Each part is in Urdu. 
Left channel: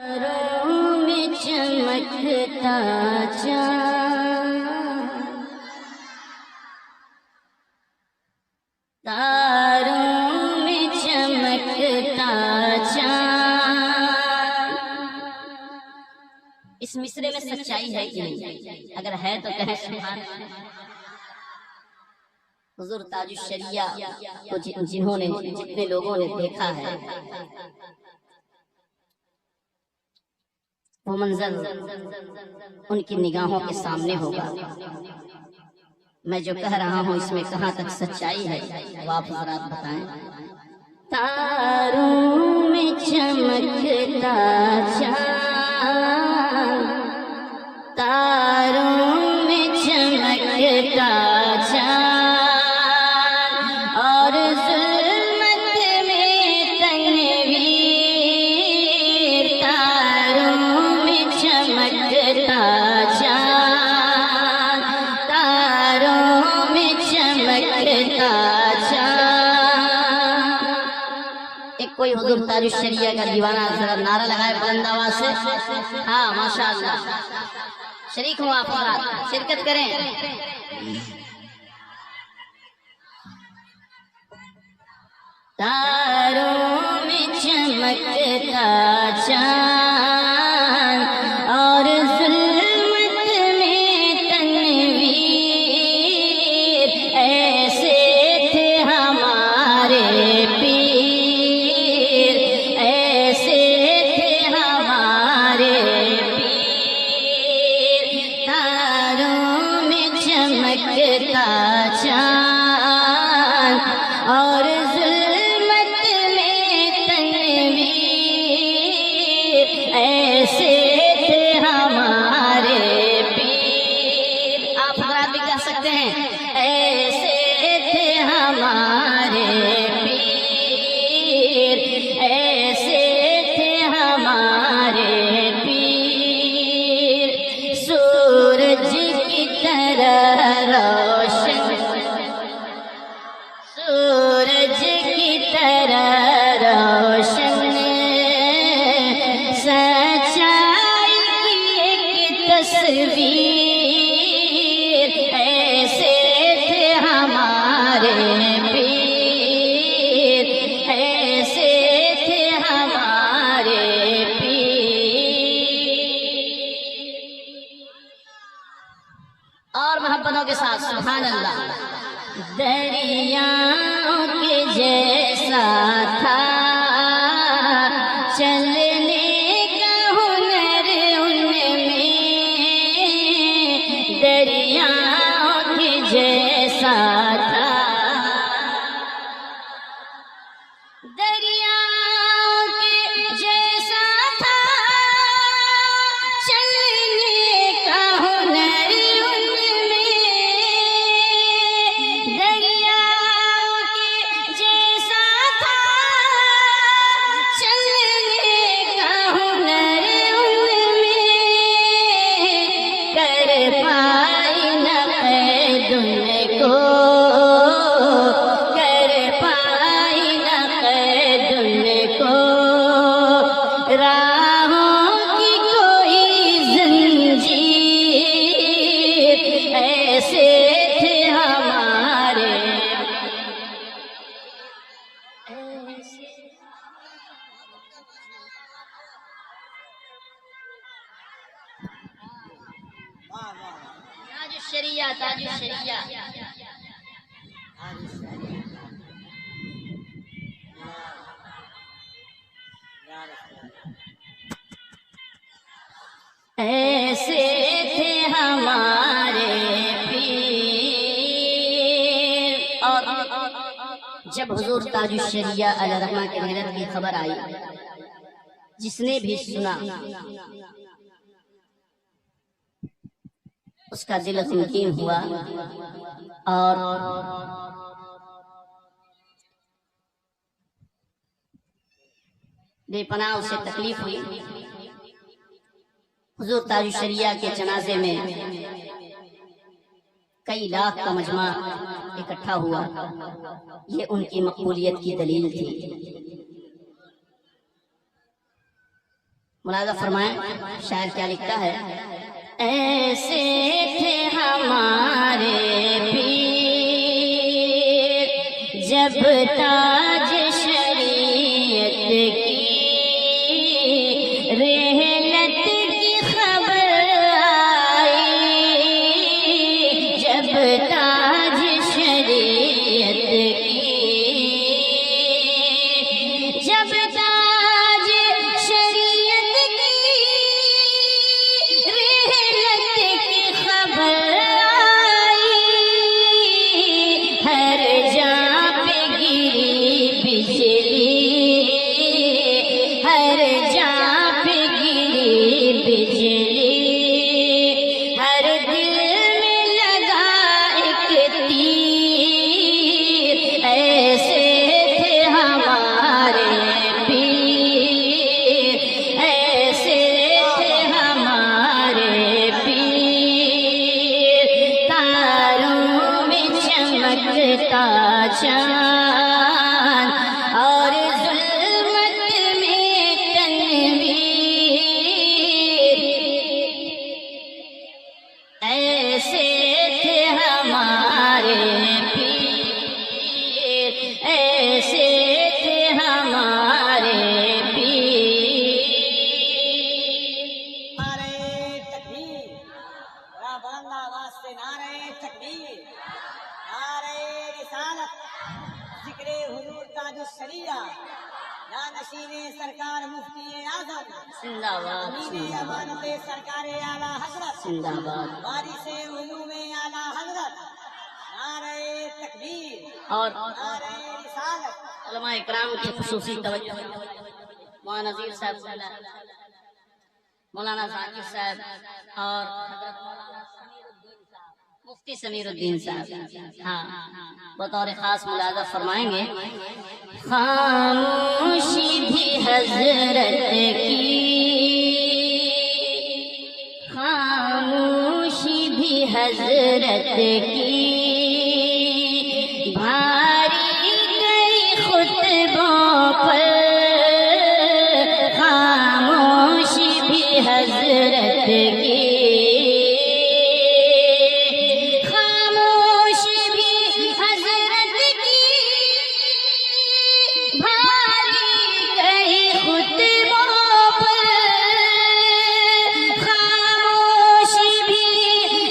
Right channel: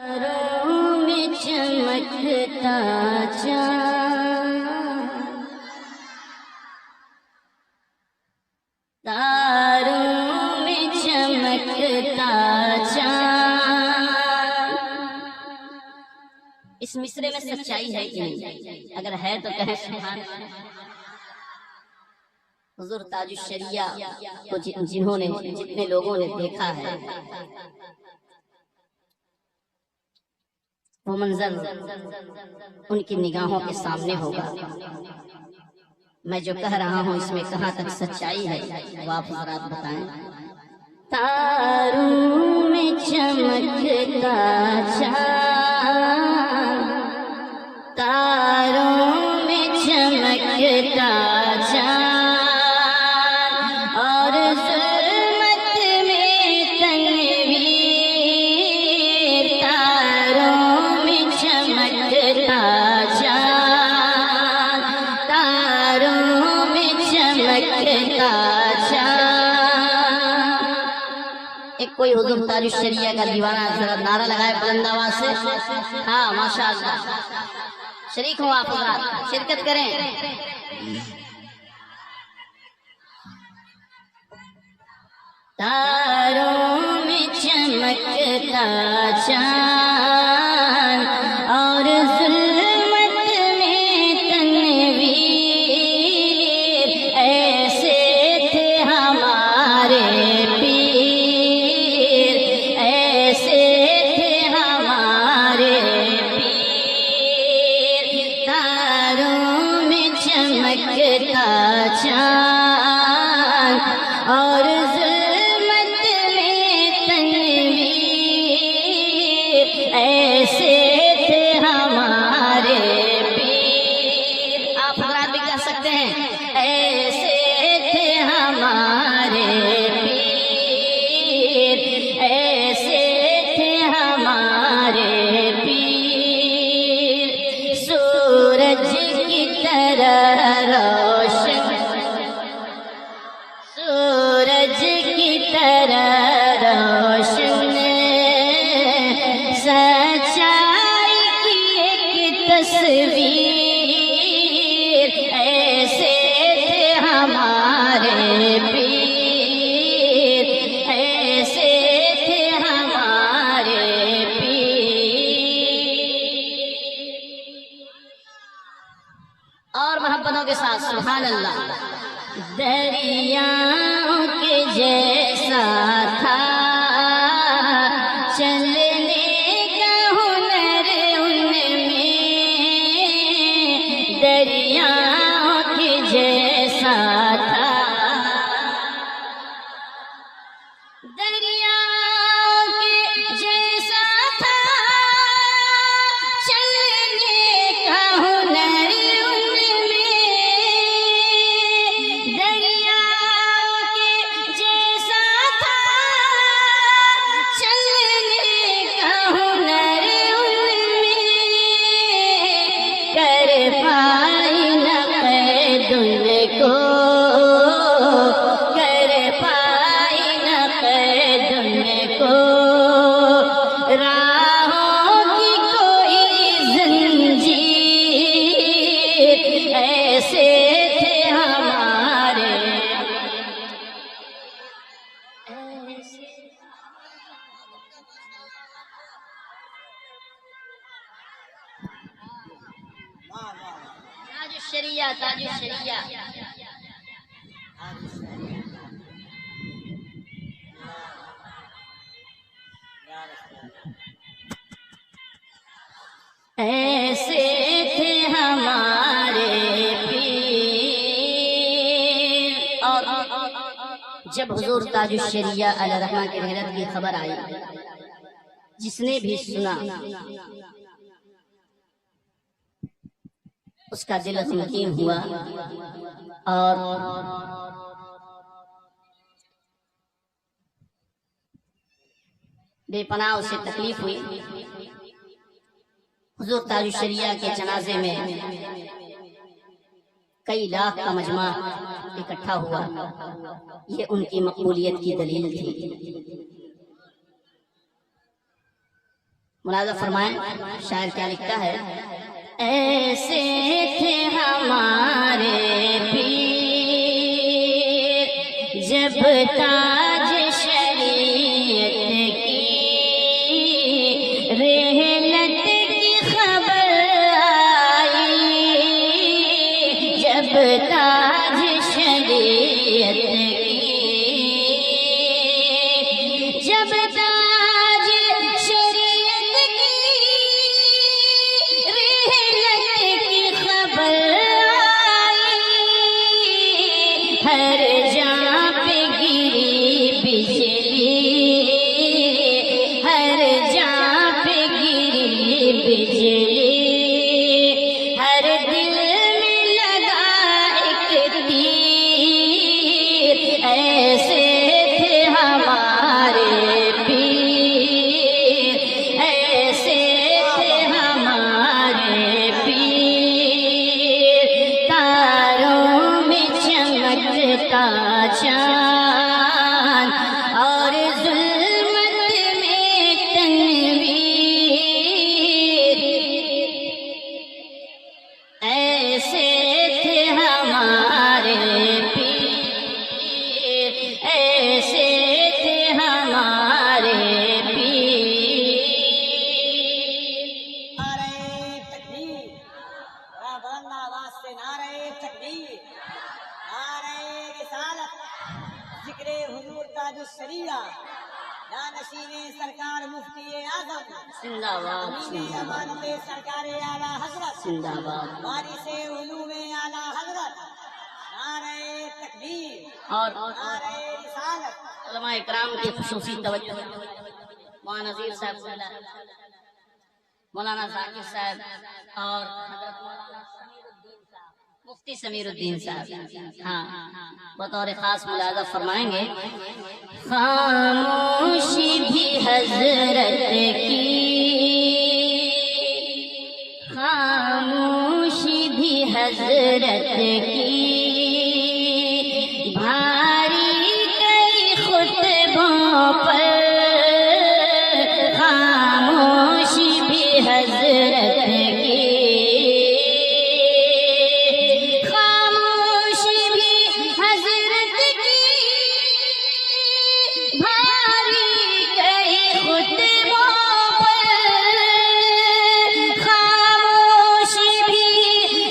تاروں میں چمکتا چاند، تاروں میں چمکتا چاند۔ اس مصرے میں سچائی ہے کہ نہیں؟ اگر ہے تو کہیں سبحان اللہ۔ حضور تاج الشریعہ کو جتنے لوگوں نے دیکھا ہے، وہ منظر ان کی نگاہوں کے سامنے ہوگا۔ میں جو کہہ رہا ہوں اس میں کہاں تک سچائی ہے وہ آپ حضرات بتائیں۔ تاروں میں چمکتا چاند، تاروں میں چمکتا چاند، اور ظلمت میں تنویر، تاروں میں چمکتا چاند، تاروں میں چمکتا چاند۔ ایک کوئی حضور تاج الشریعہ کا دیوانہ ذرا نعرہ لگائے بلند آواز سے۔ ہاں ماشاءاللہ، شریک ہوں آپ حضرات، شرکت کریں۔ تاروں میں چمکتا چاند، اور ظلمت میں تنویر، ایسے تھے ہمارے پیر، ایسے تھے ہمارے پیر۔ تاروں میں چمکتا چاند، اور ایسے تھے ہمارے پیر۔ آپ حضرات بھی کہہ سکتے ہیں، ایسے تھے ہمارے پیر، ایسے تھے ہمارے پیر۔ سورج کی طرح روشن، سورج کی طرح روشن، سچائی کی ایک تصویر، ایسے تھے ہمارے پیر، ایسے تھے ہمارے پیر۔ اور محبتوں کے ساتھ سبحان اللہ۔ دریاؤں کے جیسا تھا چلنے کا ہنر ان میں، دریاؤں کے جیسا تھا، دریاؤں کے جیسا تھا چلنے کا ہنر ان میں، دریاؤں کے جیسا تھا چلنے کا ہنر ان میں، کر پائی نہ قید ان کو، کر پائی نہ قید ان کو، راہوں کی کوئی زنجیر، ایسے تھے ہمارے، تاج الشریعہ، تاج الشریعہ۔ ایسے تھے ہمارے پیر۔ اور جب حضور تاج الشریعہ علیہ رحمہ کے ہجرت کی خبر آئی، جس نے بھی سنا اس کا دل غمگین ہوا، اور بے پناہ اسے تکلیف ہوئی۔ حضور تاج الشریعہ کے جنازے میں کئی لاکھ کا مجمع اکٹھا ہوا، یہ ان کی مقبولیت کی دلیل تھی۔ ملاحظہ فرمائیں شاعر کیا لکھتا ہے. ایسے تھے ہمارے پیر جب تاج شریعت کی رحلت کی خبر آئی. جب تاج شریعت کی جب تاج شریعت کی رحلت کی خبر آئی. ہر جہاں پہ گری بجلی ہر جہاں پہ گری بجلی ہر دل میں لگا ایک تیر. ایسے تھے ہمارے پیر ایسے تھے ہمارے پیر. تاروں میں چمکتا چاند اور ظلمت میں تنویر. ایسے تھے ہمارے پیر ایسے تھے ہمارے پیر. نعرہ تکبیر، بلند آواز سے نعرہ تکبیر، نعرہ رسالت، ذکر حضور تاج الشریعہ، جانشین سرکار مفتی اعظم، زندہ باد امین امانت سرکار اعلیٰ حضرت، زندہ باد. وارث علوم اعلیٰ حضرت. نعرہ تکبیر، اور نعرہ رسالت. علماء اکرام کی خصوصی توجہ. مولانا نذیر صاحب مولانا ذاکر صاحب اور مفتی سمیر الدین صاحب ہاں بطور خاص ملاحظہ فرمائیں گے. خاموشی بھی حضرت کی خاموشی بھی حضرت کی بھاری گئی خطبوں پر. خاموشی بھی حضرت کی خاموشی بھی حضرت کی بھاری گئی خطبوں پر. خاموشی بھی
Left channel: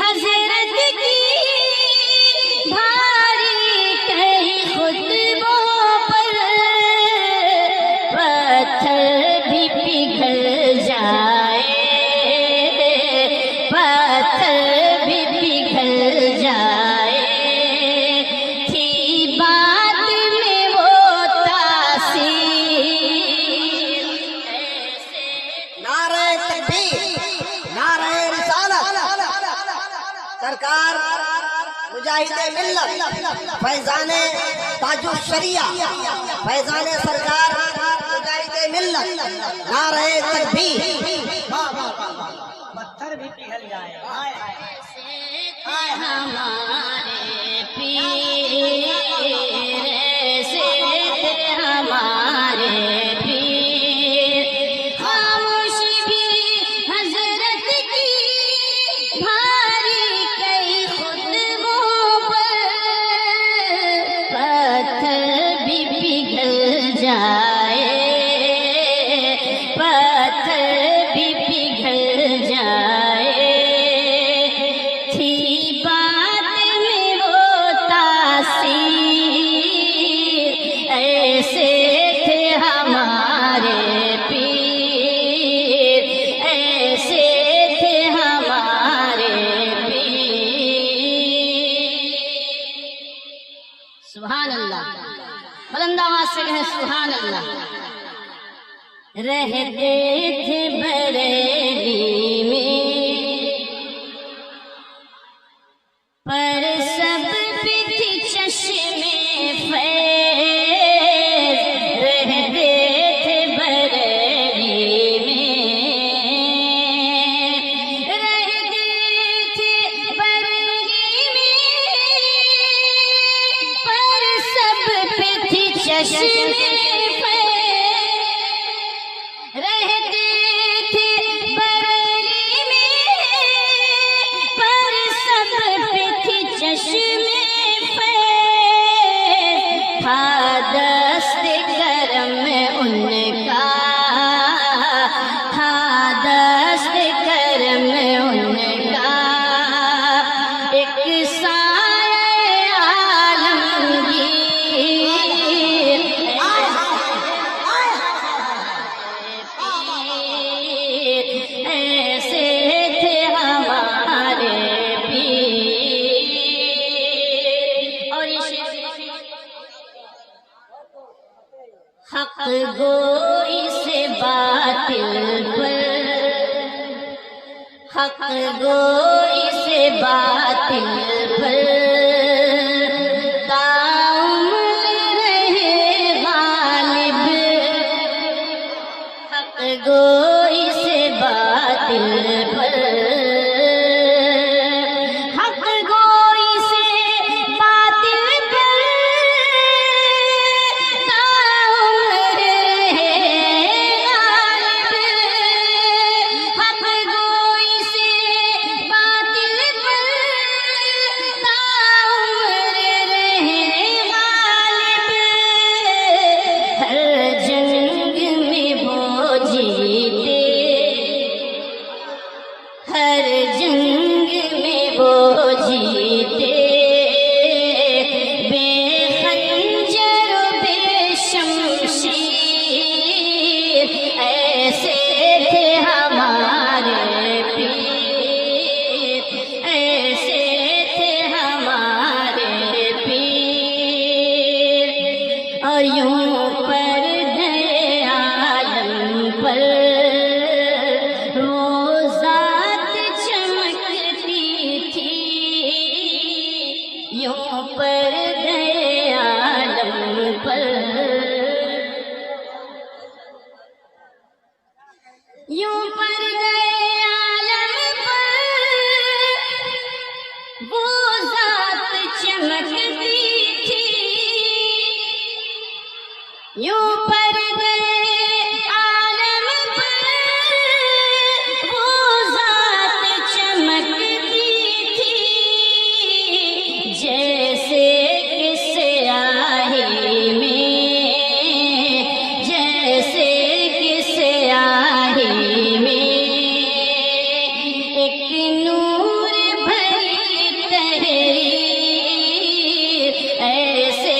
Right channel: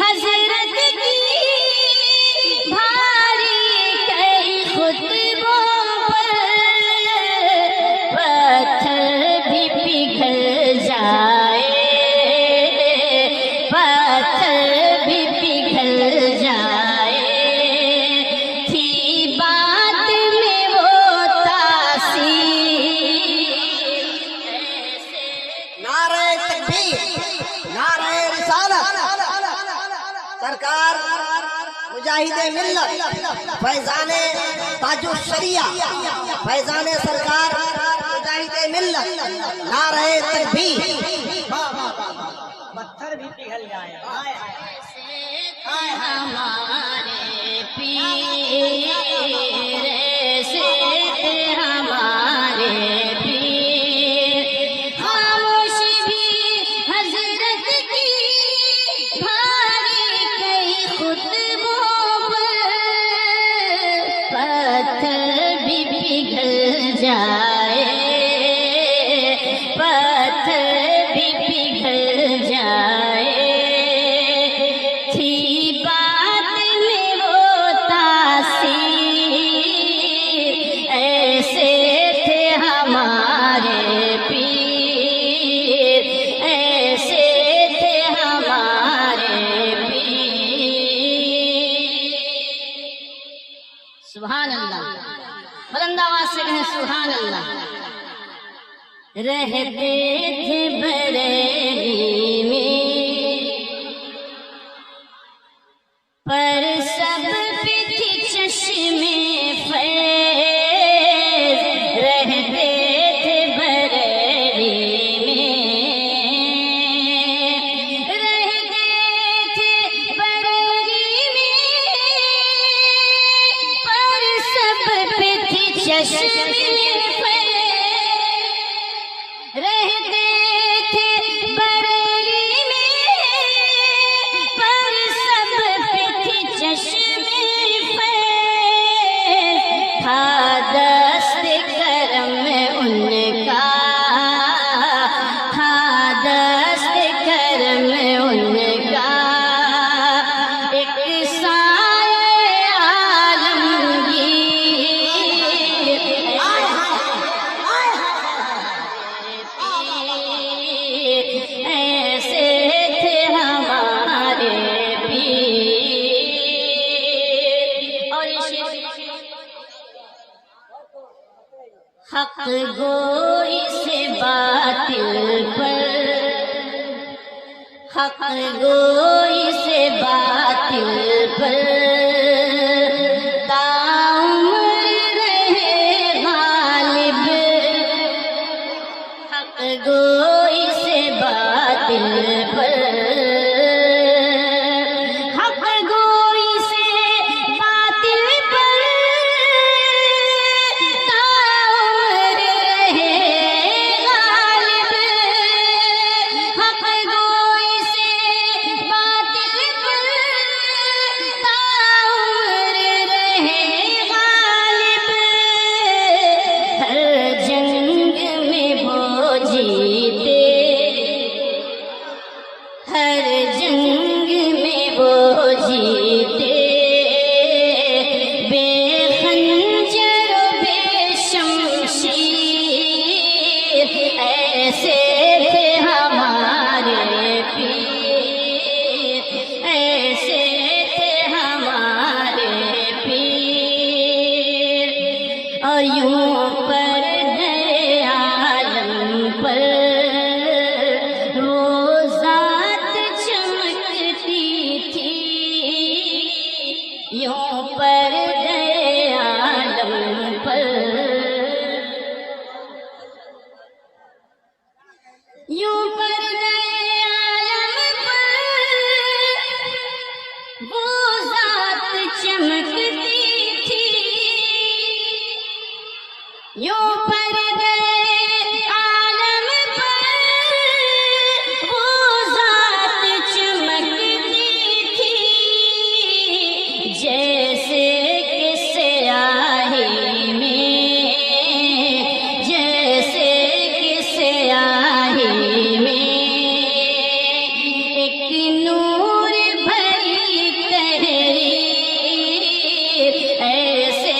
حضرت کی بھاری گئی خطبوں پر. پتھر بھی پگھل جائے پتھر بھی پگھل جائے. تھی بات میں وہ تاثیر. نعرہ تکبیر، نعرہ رسالت. سرکار مجاہد ملت فیضان تاج الشریعہ، فیضان سرکار مجاہد ملت. نعرہ تکبیر. پتھر بھی پگھل جائے. ہمارے پیر ایسے تھے ہمارے پیر. خاموشی بھی حضرت کی بھاری گئی خطبوں پر. پتھر بھی پگھل جائے پتھر بھی پگھل جائے. تھی بات میں وہ تاثیر. ایسے تھے ہمارے پیر ایسے تھے ہمارے پیر. سبحان اللہ. بلند آواز سے کہیں سبحان اللہ. رہتے تھے بریلی میں پر سب پہ تھی چشمے فیض. رہتے تھے بریلی میں رہتے تھے بریلی میں پر سب پہ تھی چشمے فیض. رہتے پر حق گوئی سے باطل پر تاعمر رہے غالب حق گوئی سے باطل پر حق گوئی سے باطل پر تاعمر رہے غالب حق گوئی سے باطل پر تاعمر رہے غالب ہر جنگ میں وہ جیتے ہر جنگ میں وہ جیتے بے خنجر و بے شمشیر ایسے تھے ہمارے پیر ایسے تھے ہمارے پیر اور یوں پر گئے عالم پر وہ ذات چمکتی تھی یوں پر گئے عالم پر یوں پر گئے عالم پر وہ ذات چمکتی تھی یوں پر گئے عالم پر وہ ذات چمکتی تھی جیسے کہ سیاہی میں جیسے کہ سیاہی میں ایک نور بھری تحریر ایسے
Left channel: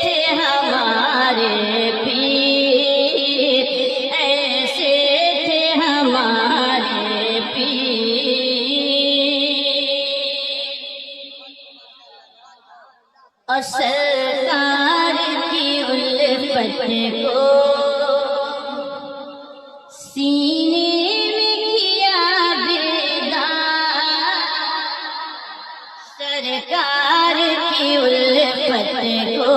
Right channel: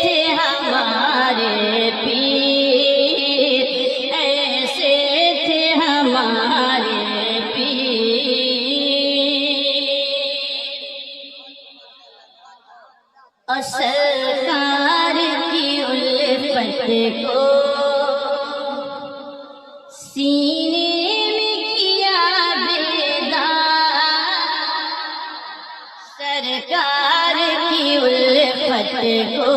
تھے ہمارے پیر ایسے تھے ہمارے پیر اور سرکار کی الفت کو سینے میں کیا بیدار سرکار کی الفت کو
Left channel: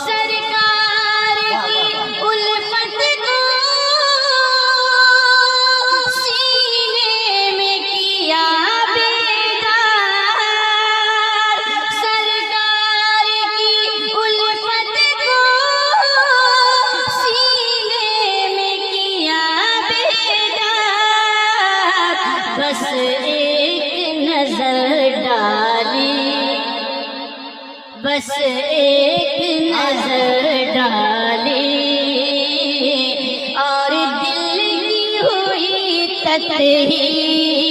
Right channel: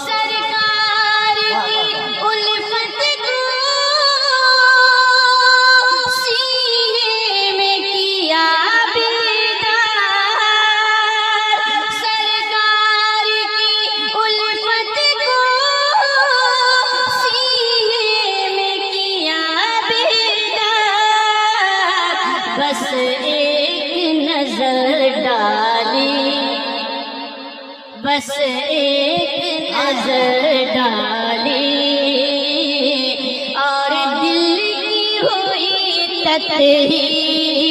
سرکار کی الفت کو سینے میں کیا بیدار سرکار کی الفت کو سینے میں کیا بیدار بس ایک نظر ڈالی بس ایک نظر ڈالی اور دل کی ہوئی تطہیر